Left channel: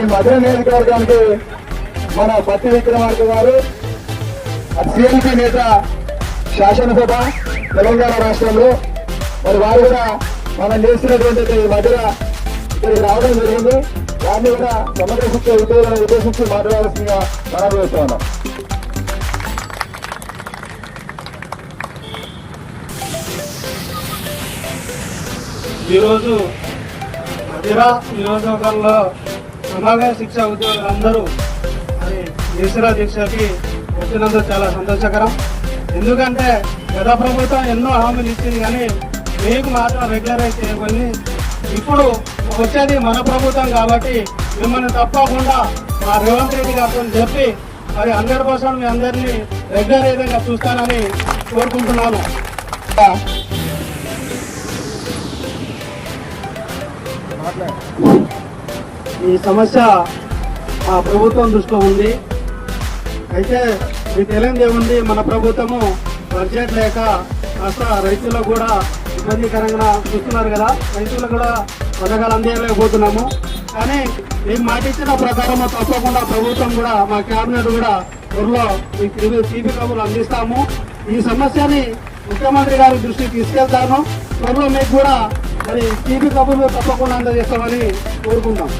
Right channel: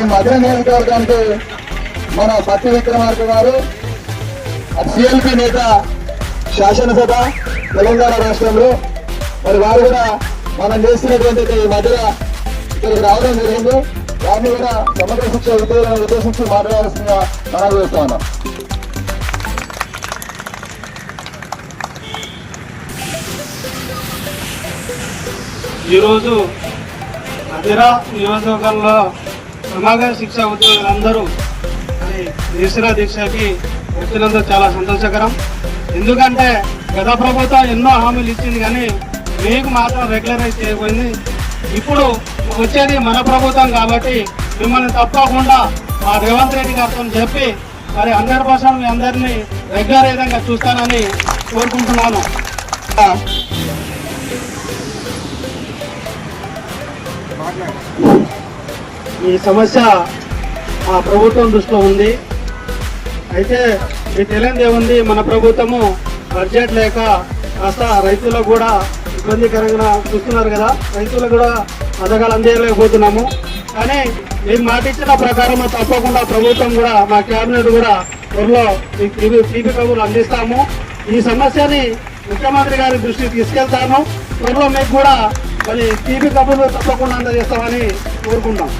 ఈ మధ్య నియోజకవర్గానికి మన పత్తి విక్రమార్క గారు సిఎల్పి నేత, శాసనసభ తెలంగాణ రాష్ట్రంలో, మరి వారు కూడా మనం చేస్తున్నటువంటి ఈ మధ్యలో ఇక్కడికి రావడం జరిగింది. వారిని కూడా సమగ్ర శిక్ష ఉద్యోగాలను ఉద్దేశించి మాట్లాడాల్సిందిగా మనం చేస్తా ఉన్నాం. ఈరోజు మధిర నియోజకవర్గంలో సమగ్ర శిక్ష ఉద్యోగులందరూ మరి నిరసన దీక్షకి వచ్చినందుకు చాలా సంతోషకరం. ఎందుకంటే గత ప్రభుత్వం ఎన్నో హామీలు ఇచ్చింది, కానీ మీకు మాత్రం రెగ్యులరైజ్ చేయబోయింది. ఇప్పుడు వచ్చేది మన ప్రభుత్వం కాబట్టి మిమ్మల్ని తప్పకుండా మా రేవంత్ రెడ్డి గారితో చెప్పి మరి 100% మీ అందరినీ రెగ్యులరైజ్గా చూస్తానని కోరుకుంటున్నాను. ఈ సమస్య ఆ ప్రభుత్వం దృష్టిలో ఉంది. అయితే మీకు తెలియదు ఏముంది, మన ప్రభుత్వము బడ్జెట్ లేక కాస్త రైతులకు కూడా ఇబ్బందికరంగా చూస్తున్నారు కదా, రైతులకు కూడా పథకాలు అందేయలేకపోతున్నాము. కానీ మీరు మాట ఇచ్చిన ప్రకారం తప్పకుండా ప్రభుత్వం కూడా మా క్యాబినెట్ కూడా త్వరలో తీపి కబుర్లు అందిస్తాము. ఈ సమస్యని ముఖ్యమంత్రి గారి దృష్టికి తీసుకెళ్తాము. త్వరలో మీకు కూడా మరి తీపి కబుర్లు తప్పకుండా అందజేస్తామని కోరుకుంటాం.